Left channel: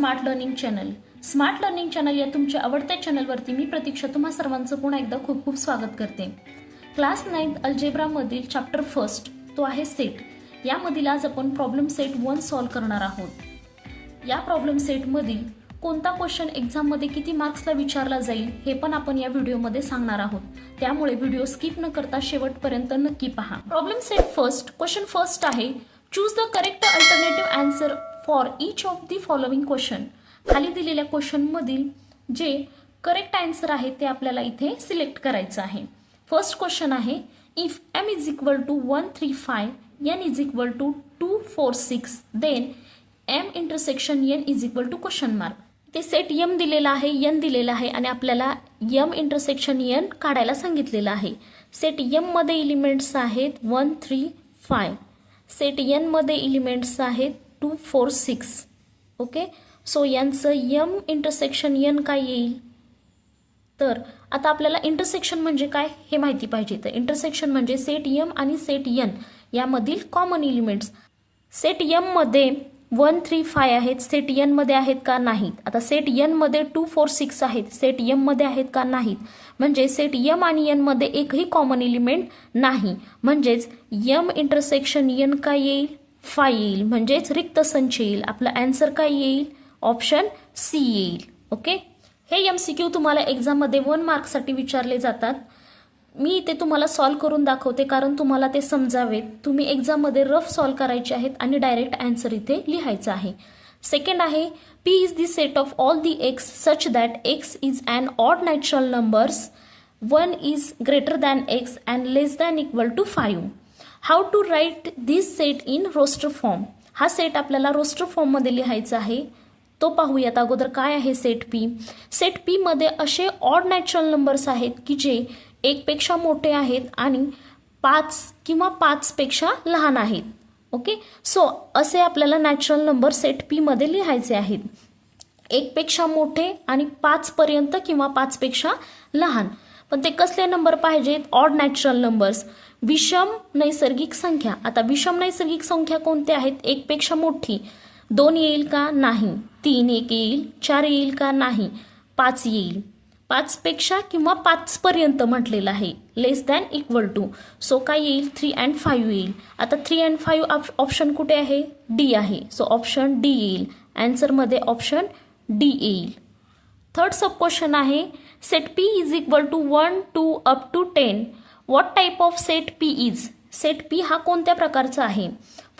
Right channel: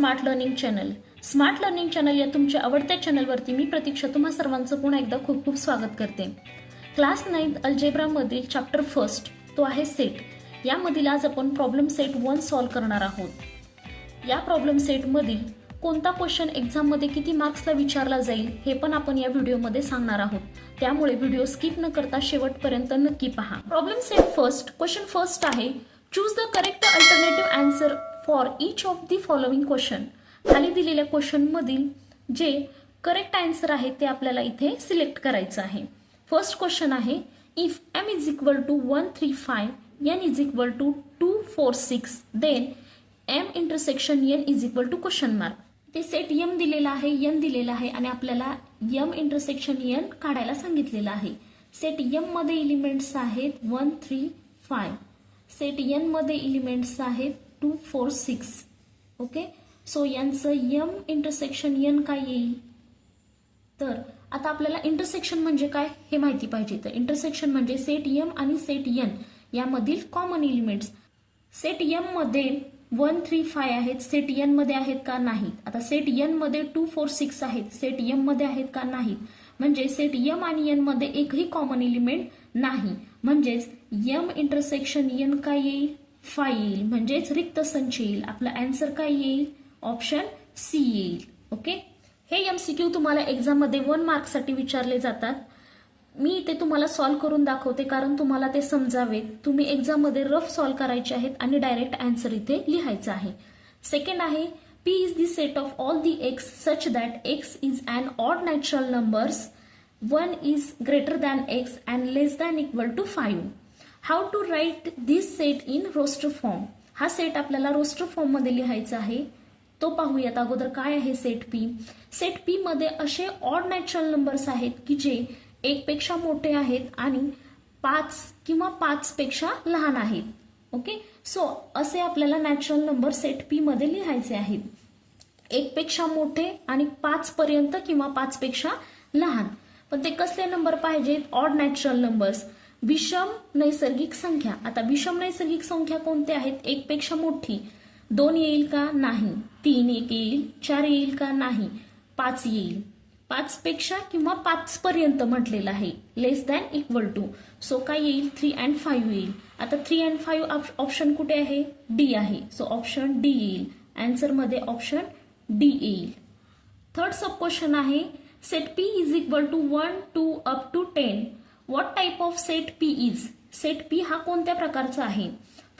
Smart learning channel. Smart learning channel या तुमच्या आवडत्या चॅनलवरती मी प्रतीक्षा तुम्हा सर्वांचं पुन्हा एकदा खूप खूप स्वागत करते. क्लास 9 अल्जेब्रामधील चॅप्टर फर्स्ट तो आहे सेट. यामधील आज आपण प्रॉब्लेम सेट 1 सॉल्व्ह करणार आहोत. या प्रॉब्लेम सेटमधील कोणता क्वेश्चन एक्झाममध्ये किती मार्क्सला विचारला जाईल हे पण आपण या व्हिडिओमध्ये सांगणार आहोत. त्यामुळे व्हिडिओ स्किप न करता शेवटपर्यंत नक्की पहा. Problem set first question first आहे, choose the correct alternative answer for each of the following question. खाली दिलेल्या क्वेश्चन मधील जे करेक्ट आन्सर आहे ते आपल्याला इथे सिलेक्ट करायचं आहे. फर्स्ट क्वेश्चन आहे, if m is equal to 135 n is equal to 246 then m intersection n is equal to question mark. ते सेट m दिलेला आहे, n दिलेला आहे आणि आपल्याला m इंटरसेक्शन n काढायला सांगितलेलं आहे. सेट m मध्ये एलिमेंट्स आहेत 1 3 5. सेट n मध्ये एलिमेंट्स आहेत 2 4 6. ओके, सो यांचं m इंटरसेक्शन n काय येईल. तर आता आपल्याला इंटरसेक्शन म्हणजे काय हे माहिती पाहिजे. तर इंटरसेक्शन म्हणजे सेट m आणि सेट n यामधील कॉमन एलिमेंट्स. सेट m मध्ये 1 3 5 आहेत, सेट n मध्ये आहेत का नाहीत. आता सेट n मध्ये 2 4 6 आहेत, सेट m मध्ये आहेत का नाहीत. म्हणजे सेट m आणि n मध्ये एकही कॉमन एलिमेंट नाही. म्हणजेच m इंटरसेक्शन n काय येईल 5 येईल. म्हणजेच रिक्त संच येईल. आपला आन्सर काय येईल, ऑप्शन सी येईल. ओके, हे MCQ तुम्हाला एक्झाम मध्ये 1 मार्कसाठी विचारले जातात. मी इथे तुम्हाला सॉल्व्ह करून दाखवते कारण तुम्हाला ते समजावेत. तुम्ही एक्झाम मध्ये रफ सॉल्व्ह करायचे आहेत आणि डायरेक्ट आन्सर इथे लिहायचा आहे. सेकंड आहे, P is the set of all the x such that x is an odd natural numbers, 1 is greater than x and less than equal to 5. How to write this set in roster form. हा set आपल्याला roster form मध्ये लिहायचा आहे. तो पाहूयात अगोदर काय आहे सेट पी. सेट पी मध्ये असे ऑड नॅचरल नंबर्स आहेत की जे 1 पेक्षा मोठे आहेत आणि 5 किंवा 5 पेक्षा लहान आहेत. ओके, सो असे आपल्याला नॅचरल नंबर सेट पी मध्ये लिहायचे आहेत. 1 पेक्षा मोठे आणि 5 पर्यंत किंवा 5 पेक्षा लहान. पण ते कसले नंबर पाहिजेत, ऑड नॅचरल नंबर्स, विषम नैसर्गिक संख्या. आता विषम नैसर्गिक संख्या कोणत्या आहेत, 1 पेक्षा मोठी 2 येईल का नाही, 3 1 येईल, 4 येईल का नाही, 5 येईल. 5 पेक्षा किंवा 5 पर्यंत म्हटलेलं आहे. लेस दॅन इक्वल टू, सो काय येईल 3 and 5 येईल. आता 3 and 5 ऑप्शन कुठे आहे, डी आहे. सो ऑप्शन डी येईल. आन्सर मध्ये ऑप्शन डी येईल. थर्ड सब क्वेश्चन आहे, set P is equal to 1 2 up to 10. What type of set P is. Set P हा कोणत्या प्रकारचा आहे.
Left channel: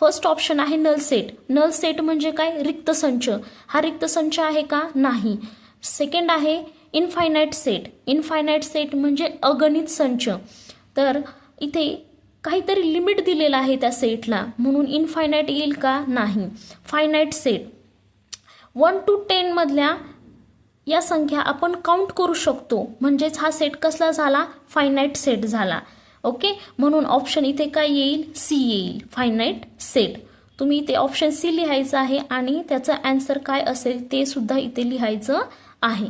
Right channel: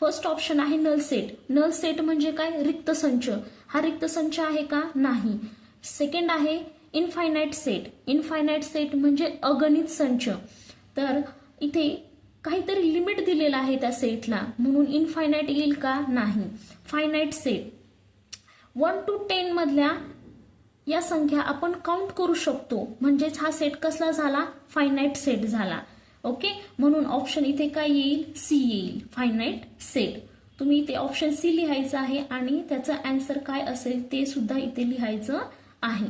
फर्स्ट ऑप्शन आहे नल सेट. नल सेट म्हणजे काय, रिक्त संच. हा रिक्त संच आहे का, नाही. सेकंड आहे इनफायनाइट सेट. इनफायनाइट सेट म्हणजे अगणित संच. तर इथे काहीतरी लिमिट दिलेलं आहे त्या सेटला म्हणून इनफायनाइट येईल का, नाही. फायनाइट सेट 1 to 10 मधल्या या संख्या आपण काउंट करू शकतो. म्हणजेच हा सेट कसला झाला, फायनाइट सेट झाला. ओके, म्हणून ऑप्शन इथे काय येईल, सी येईल, फायनाइट सेट. तुम्ही इथे ऑप्शन सी लिहायचं आहे आणि त्याचा आन्सर काय असेल ते सुद्धा इथे लिहायचं आहे.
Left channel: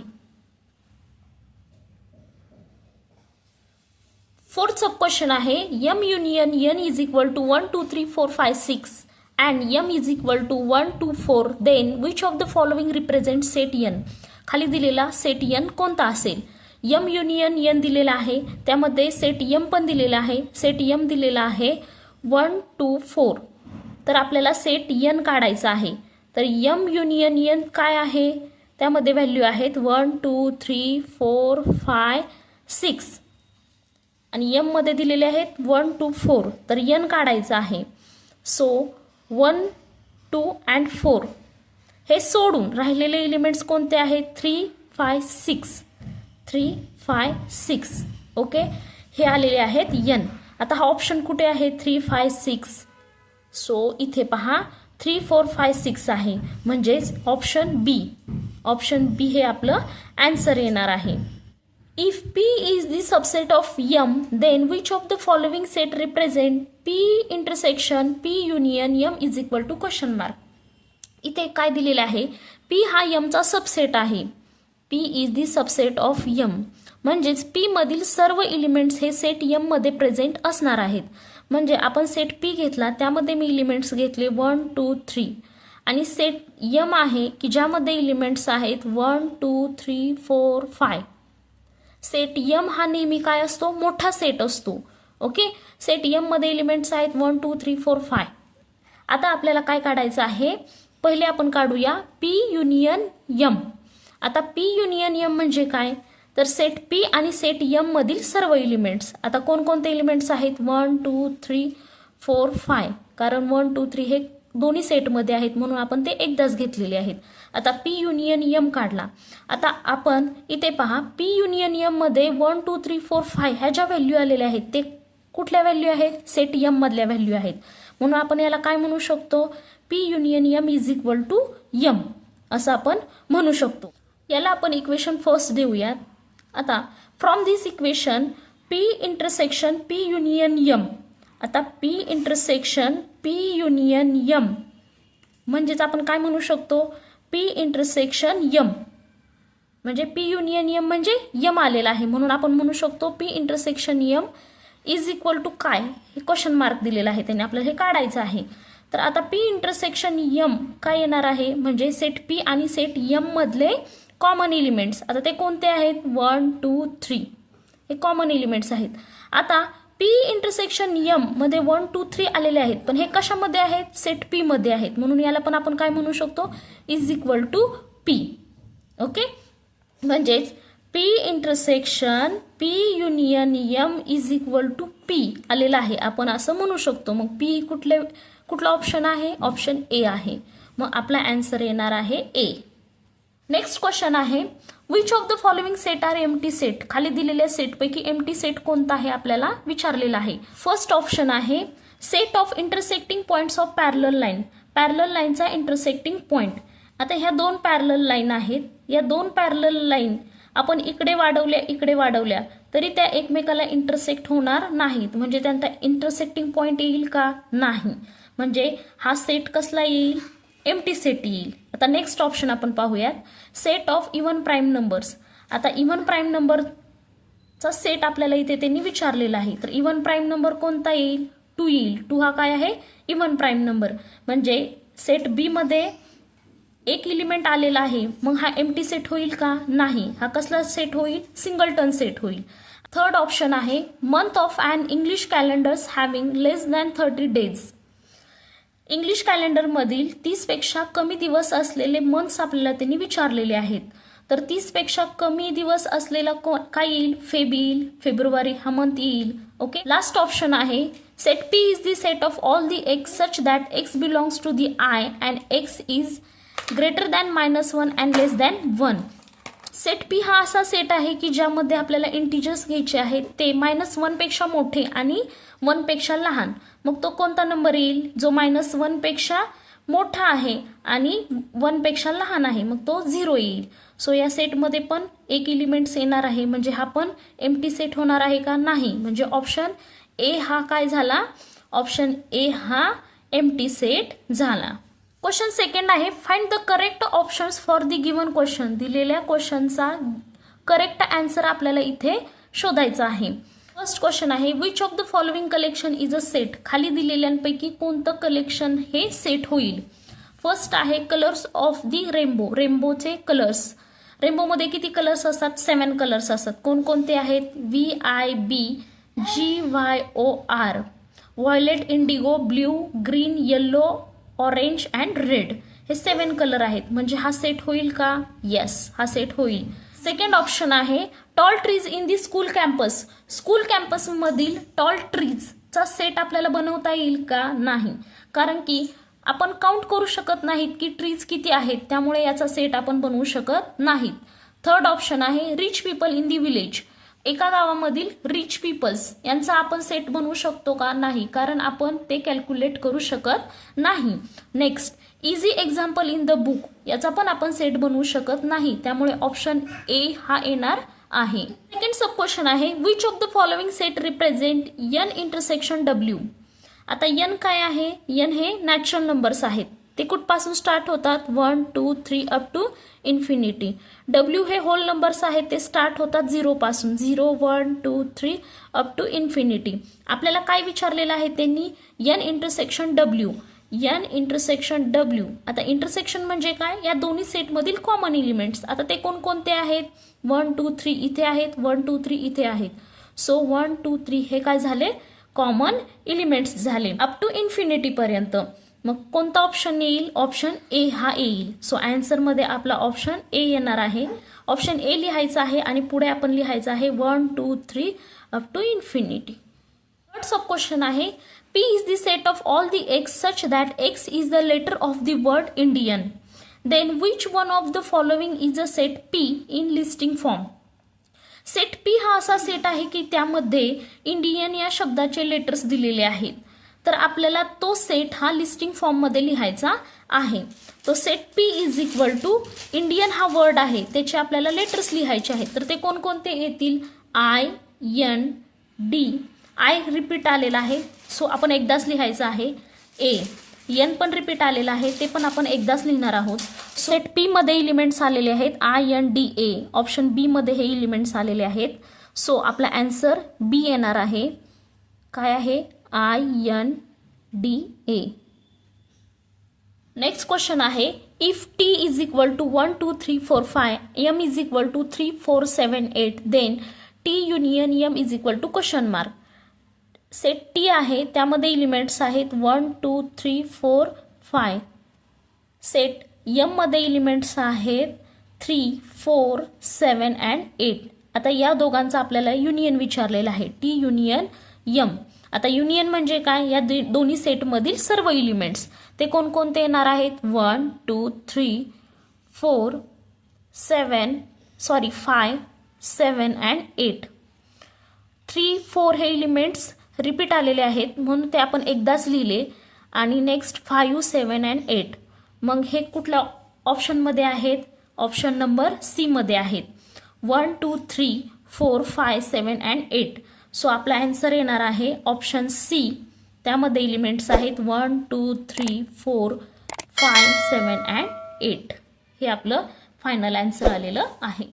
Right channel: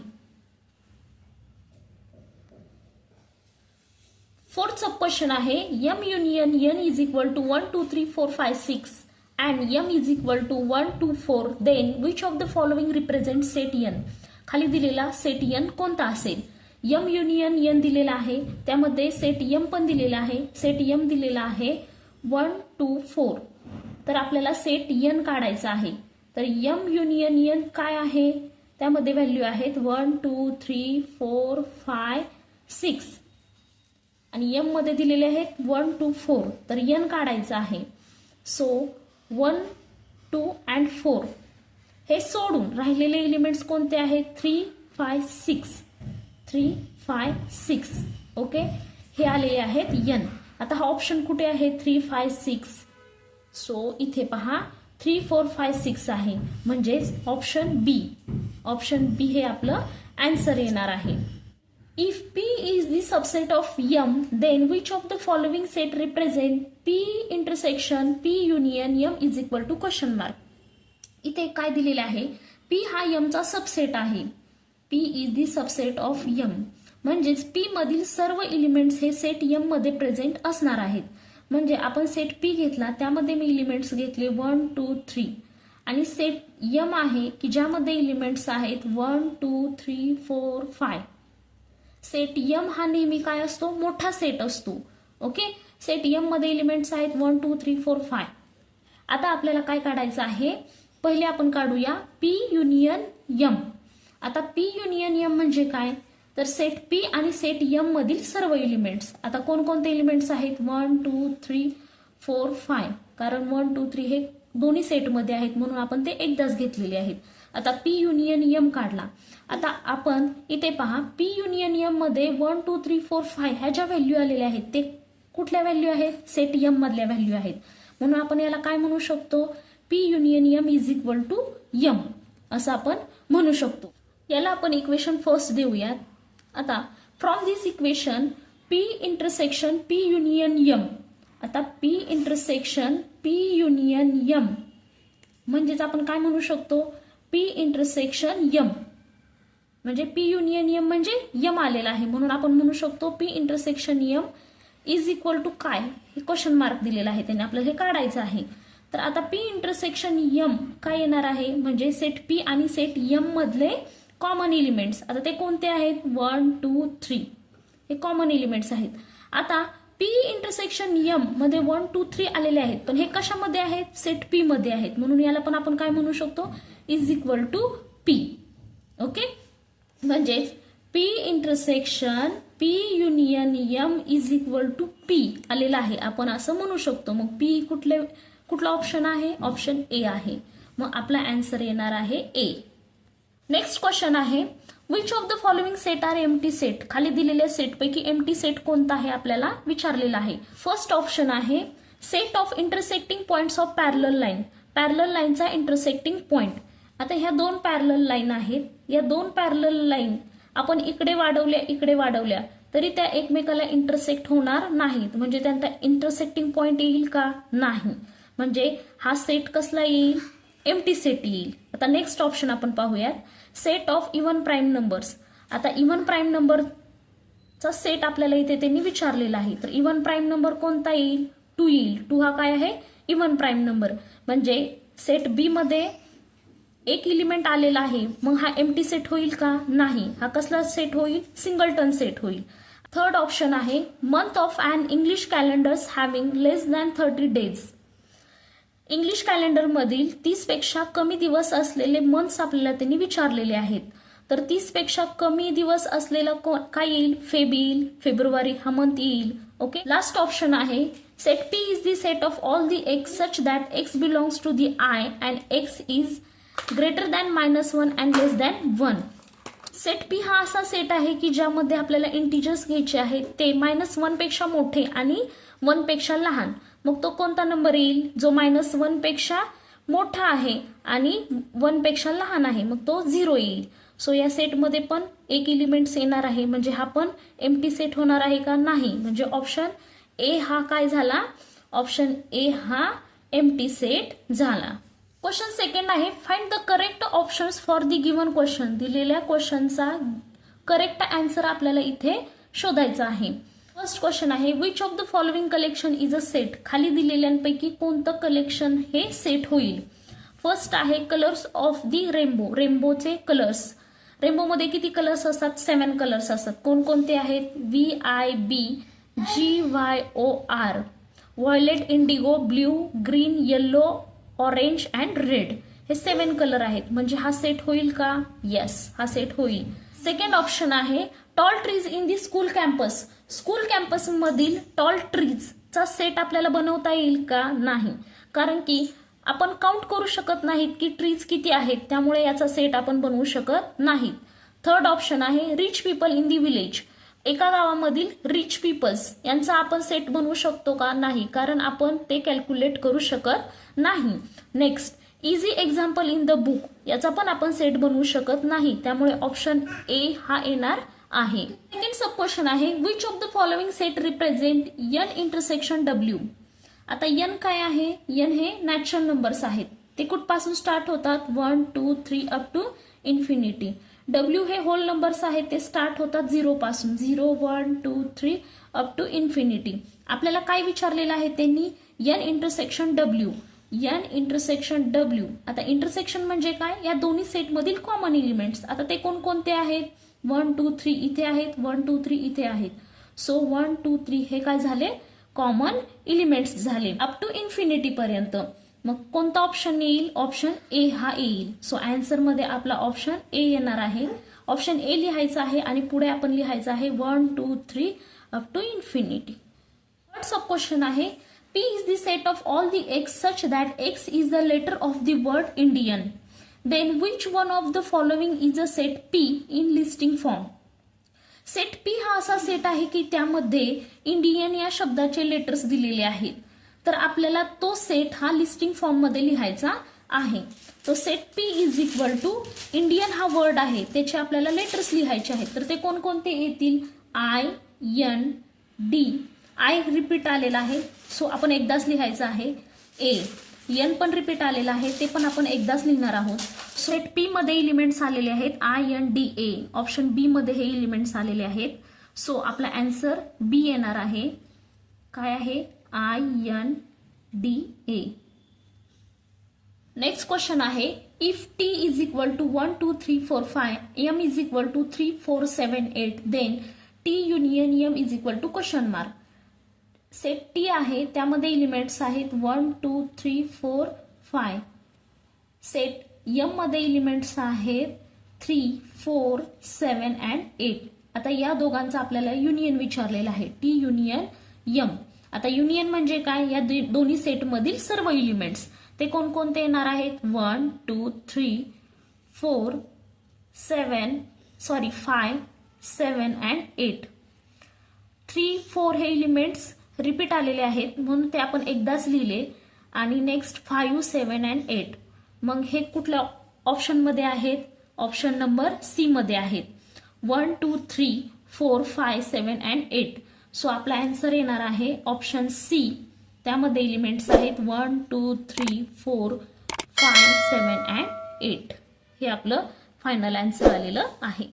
फोर्थ सब क्वेश्चन आहे, m union n is equal to 1 2 3 4 5 6 and m is equal to 1 2 4 then which of the following represent set n. खाली दिलेला सेट n कोणता असेल. m युनियन n दिलेला आहे, त्यामध्ये सेट m पण दिलेला आहे. सेट m दिलेला आहे 1 2 4. तर आपल्याला सेट n काढायचा आहे. तर m युनियन n काय आहे, त्यामध्ये व्हॅल्यू आहेत 1 2 3 4 5 6 आणि m मध्ये दिलेले आहेत 1 2 4. तर n काढायचा आहे. सो 1 2 and 4 हे सोडून राहिलेले एलिमेंट्स कोणते आहेत, 3 5 6 3 5 6. ओके, हे आलेले आहेत n. आता हा ऑप्शन कुठे आहे, 3 5 6. सो इथे पहा 3 4 5 6 आहे. म्हणजेच ऑप्शन बी. ऑप्शन बी हे आपलं आन्सर येणार आहे. If p is the subset of m then which of the following set represent p intersection p union m is equal to question mark. इथे काय दिलेलं आहे, p हा m चा सबसेट आहे. p is the subset of m. म्हणजेच p मधील सर्व एलिमेंट्स हे सेट m मध्ये प्रेझेंट असणार आहेत. म्हणजे आपण सेट p घेतला, त्यामध्ये मी एलिमेंट्स घेतले 1 2 3 आणि सेट यम आहे की ज्यामध्ये एलिमेंट्स आहेत 1 2 3 4 5. सेट यम हा नेहमी काय असतो, मोठा सेट असतो. ओके, सेट यम मध्ये एलिमेंट्स आहेत 1 2 3 4 5. आता आपल्याला काय काढायचं आहे, पहिले आपण काढूया पी युनियन यम. आता पी युनियन यम म्हणजे काय, तर सेट पी आणि सेट यम मधील सर्व एलिमेंट्स. आता कोणकोणते एलिमेंट्स आहेत 1 2 3 4 5, कारण 1 2 3 हे दोन्ही सेटमध्ये आहेत म्हणून आपण ते एकदाच घेतलेले आहेत. आता पी युनियन यम काढला. आता आपण इथे पहा, पी युनियन यम मध्ये 1 2 3 4 5 ह्या ज्या व्हॅल्यू आलेल्या आहेत ते कुठल्या व्हॅल्यू आहेत, सेट यम मधल्या व्हॅल्यू आहेत. म्हणून आपण याला काय म्हणू शकतो, P union M is equal to M असं आपण म्हणू शकतो. याला आपण इक्वेशन फर्स्ट देऊयात. आता from this equation P intersection P union M. आता P intersection P union M म्हणजेच आपण काय म्हणू शकतो, पी इंटरसेक्शन यम म्हणजे पी युनियन यम म्हणजे यम आलेला आहे म्हणून आपण म्हणू शकतो P intersection M is equal to काय, हे क्वेश्चन मार्क दिलेला आहे त्याने आपल्याला हे काढायचं आहे. तर आता पी इंटरसेक्शन यम काय येणार आहे, म्हणजे सेट पी आणि सेट यम मधले कॉमन एलिमेंट्स. आता ते कोणते आहेत 1 2 3 हे कॉमन एलिमेंट्स आहेत. आता पी इंटरसेक्शन यम मध्ये 1 2 3 आलेले आहेत पण हे कशामध्ये आहेत, सेट पी मध्ये आहेत म्हणून याला पण आपण काय म्हणू शकतो, is equal to P. Okay, म्हणजेच P intersection P union M is equal to P आलेला आहे आपण असं म्हणू शकतो. मग पी कुठला ऑप्शन आहे, ऑप्शन ए आहे. मग आपला आन्सर येणार आहे ए. नेक्स्ट क्वेश्चन आहे, which of the following set are empty set. खाली दिलेल्या सेटपैकी एम्प्टी सेट कोणता आहे आपल्याला विचारलेला आहे. फर्स्ट ऑप्शन आहे set of intersecting points of parallel line. Parallel लाईनचा इंटरसेक्टिंग पॉइंट. आता ह्या दोन पॅरलल लाईन आहेत, या दोन पॅरलल लाईन आपण इकडे वाढवल्या तरी त्या एकमेकाला इंटरसेक्ट होणार नाहीत, म्हणजे त्यांचा इंटरसेक्टिंग पॉइंट येईल का, नाही. म्हणजे हा सेट कसला येईल, एम्प्टी सेट येईल. आता नेक्स्ट ऑप्शन आपण पाहूयात, set of even prime numbers. आता इव्हन प्राईम नंबरचा सेट आपल्याला इथे त्यांनी विचारलेला आहे. तर इव्हन प्राईम नंबर कोणता येईल, 2 येईल. 2 हा काय आहे, इव्हन प्राईम नंबर. म्हणजे सेट बी मध्ये एक एलिमेंट आलेला आहे, मग हा एम्प्टी सेट होईल का, नाही. हा कसला सेट होईल, सिंगलटन सेट होईल. थर्ड ऑप्शन आहे month of an English calendars having less than 30 days. English calendar मधील 30 पेक्षा कमी दिवस असलेले मंथ्स आपल्याला त्यांनी विचारलेले आहेत. तर 30 पेक्षा कमी दिवस असलेला काय येईल, फेब येईल. फेब्रुवारी हा मंथ येईल. ओके, लास्ट ऑप्शन आहे set P is the set of all the X such that X belongs to the I and X is greater than -1 and less than 1. Set P हा असा set आहे की ज्यामध्ये आपल्याला integers घ्यायचे आहेत ते -1 पेक्षा मोठे आणि 1 पेक्षा लहान. मग तो कोणता नंबर येईल, जो -1 पेक्षा मोठा आहे आणि 1 पेक्षा लहान आहे, मग तो 0 येईल. सो या सेटमध्ये पण एक एलिमेंट्स येणार आहे, म्हणजे हा पण एम्प्टी सेट होणार आहे का, नाही. म्हणजे ऑप्शन ए हा काय झाला, ऑप्शन ए हा एम्प्टी सेट झाला. क्वेश्चन सेकंड आहे, find the correct options for the given question. दिलेल्या क्वेश्चनचा करेक्ट आन्सर आपल्याला इथे शोधायचा आहे. फर्स्ट क्वेश्चन आहे, which of the following collection is a set. खाली दिलेल्यांपैकी कोणतं कलेक्शन हे सेट होईल. फर्स्ट आहे कलर्स ऑफ द रेनबो. रेनबोचे कलर्स. रेनबोमध्ये किती कलर्स असतात, 7 कलर्स असतात. कोणकोणते आहेत, VIB GYOR, violet, Indigo, blue, green, yellow, orange and red. हे 7 कलर आहेत. म्हणजे हा सेट होईल का, येस हा सेट होईल. सेकंड ऑप्शन आहे tall trees in the school campus. School campus मधील टॉल ट्रीजचा सेट आपल्याला बनवता येईल का, नाही. कारण की आपण काउंट करू शकत नाहीत की ट्रीज किती आहेत, त्यामुळे याचा सेट आपण बनवू शकत नाहीत. थर्ड ऑप्शन आहे rich people in the village. एका गावामधील रिच पीपल्स यांचा आपण सेट बनवू शकतो का, नाही. कारण आपण ते कॅल्क्युलेट करू शकत नाही. Next easy example in the book. याचा पण आपण सेट बनवू शकत नाही, त्यामुळे ऑप्शन ए हा येणार आहे. सेकंड सब क्वेश्चन आहे, which of the following set represent N intersection W. आता एन काय आहे, एन हे नॅचरल नंबर्स आहेत. ते कुठपासून स्टार्ट होतात, 1 2 3 अप टू इन्फिनिटी. डब्ल्यू हे होल नंबर्स आहेत, ते स्टार्ट होतात 0 पासून, 0 1 2 3 अप टू इन्फिनिटी. आपल्याला काय विचारलेलं आहे त्यांनी, N intersection W. N intersection W. आता इंटरसेक्शन म्हणजे काय, या दोन्ही सेटमधील कॉमन एलिमेंट्स. आता ते कोणकोणते आहेत, 1 2 3 इथे आहेत, 1 2 3 इथे आहेत. सो 1 2 3 हे काय झाले, कॉमन एलिमेंट्स झाले अप टू इन्फिनिटी पर्यंत. मग कोणता ऑप्शन येईल, ऑप्शन ए हा येईल. सो आन्सर मध्ये आपला ऑप्शन ए येणार आहे. ऑप्शन ए लिहायचा आहे आणि पुढे आपण लिहायचं आहे 1 2 3 up to infinity. Sub question आहे, P is the set of all the x such that x is the letter of the word Indian. Then which one of the following is a set P in listing form? Set P हा असा set आहे की त्यामध्ये Indian या शब्दाचे letters दिलेले आहेत. तर आपल्याला तो सेट हा लिस्टिंग फॉर्म मध्ये लिहायचा आहे. तो set P is equal to Indian हा वर्ड आहे त्याचे आपल्याला लेटर्स लिहायचे आहेत. तर ते कोणकोणते येतील, I N D. I repeat आलेला आहे सो आपण एकदाच लिहायचं आहे. ए एन पण रिपीट आलेला आहे ते पण आपण एकदाच लिहिणार आहोत. सेट पी मध्ये एलिमेंट्स आलेले आहेत INDA. ऑप्शन बी मध्ये हे एलिमेंट्स आलेले आहेत. सो आपला आन्सर बी येणार आहे. काय आहे, INDA. नेक्स्ट क्वेश्चन आहे, if T is equal to 1 2 3 4 5 M is equal to 3 4 7 8 then T union M is equal to question mark. Set T आहे त्यामध्ये एलिमेंट्स आहेत 1 2 3 4 5. सेट एम मध्ये एलिमेंट्स आहेत 3 4 7 अँड 8. आता या दोघांचा आपल्याला युनियन विचारलेला आहे, टी युनियन एम. आता युनियन म्हणजे काय, या दोन्ही सेटमधील सर्व एलिमेंट्स ते कोणकोणते येणार आहेत, 1 2 3 4 5 7 अँड 8. 3 4 हे एलिमेंट्स रिपीट आलेले आहेत म्हणून ते आपण एकदाच लिहिले. आणि नेक्स्ट 5 7 अँड 8. मग हे कुठल्या ऑप्शनमध्ये आहेत, ऑप्शन नंबर सी मध्ये आहेत. 1 2 3 4 5 7 अँड 8. सो आपला आन्सर येणार आहे ऑप्शन सी. त्यामध्ये एलिमेंट्स आहेत 1 2 3 4 5 7 अँड 8. हे आपलं फायनल आन्सर आलेलं आहे.